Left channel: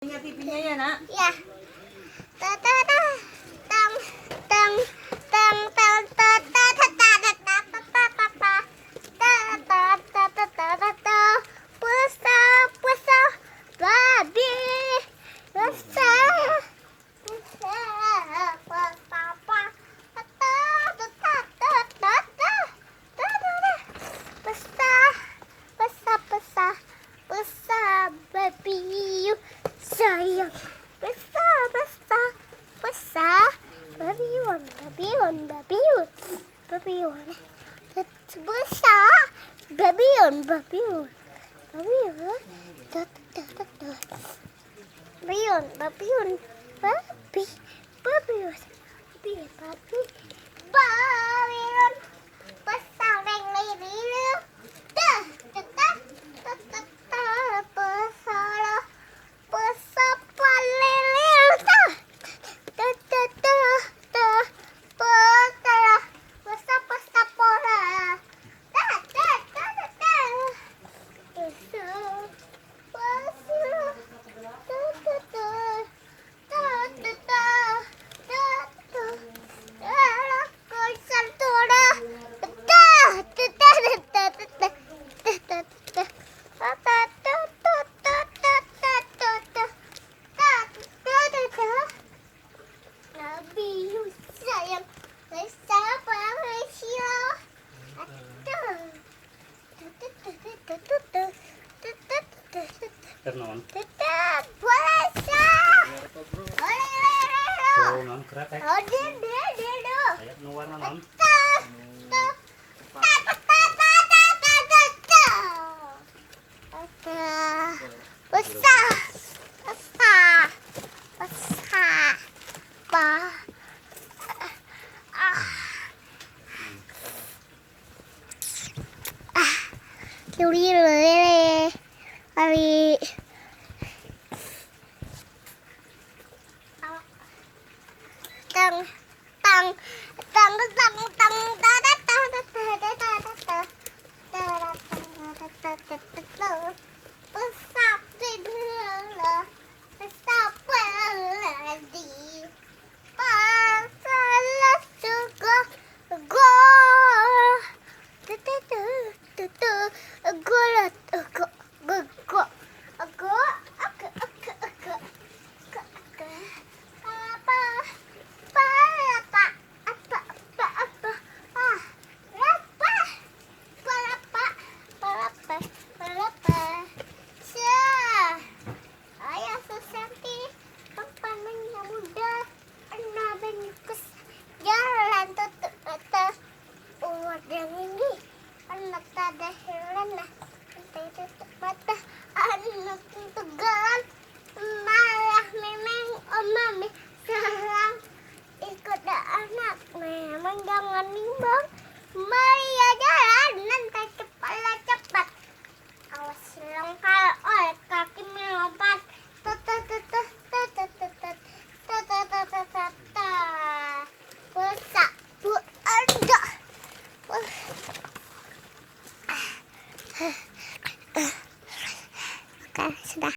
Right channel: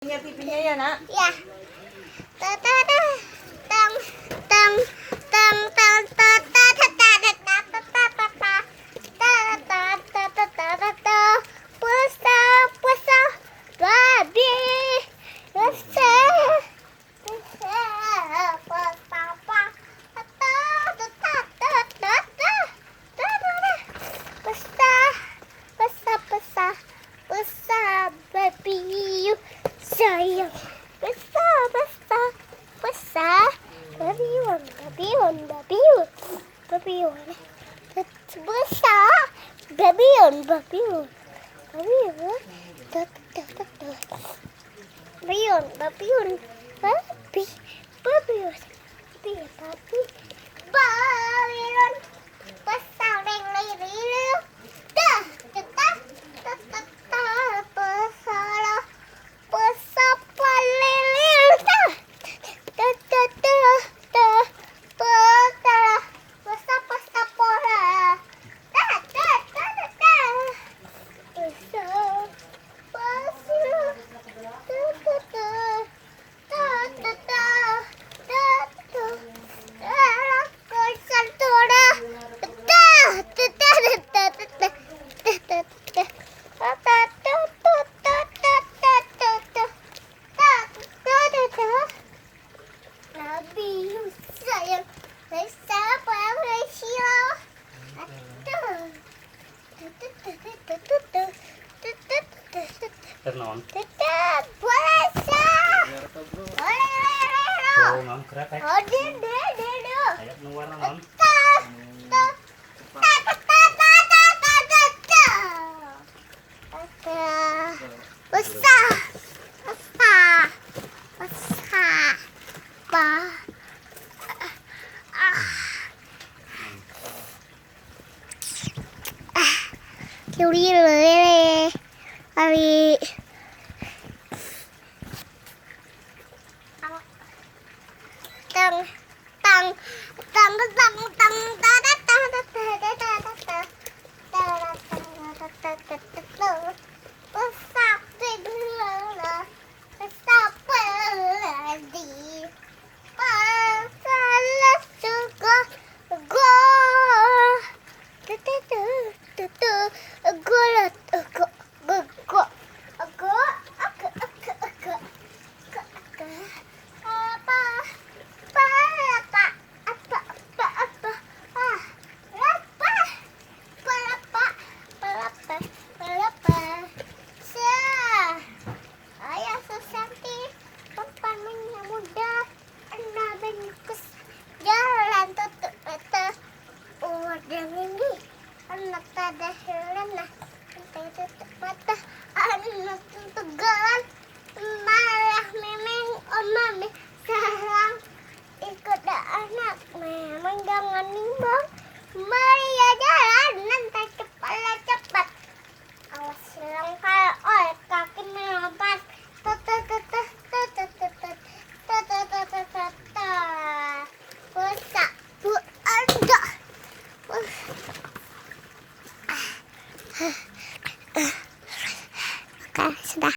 Pipinya ya, Nak? Ya. Tang tang tang tang tang sayang besar babion besar babion besar sayang besar Ternon. puasa. Non kerat ya. Oh, dia. Ayo nu warna non. Besar. Yuri lele, hari tang tang tang tang tang jalan tutup umat yang ini anak tada helena tutup mata anak tegalan malah memang mami sayang ikut anak memang jangan nimbang.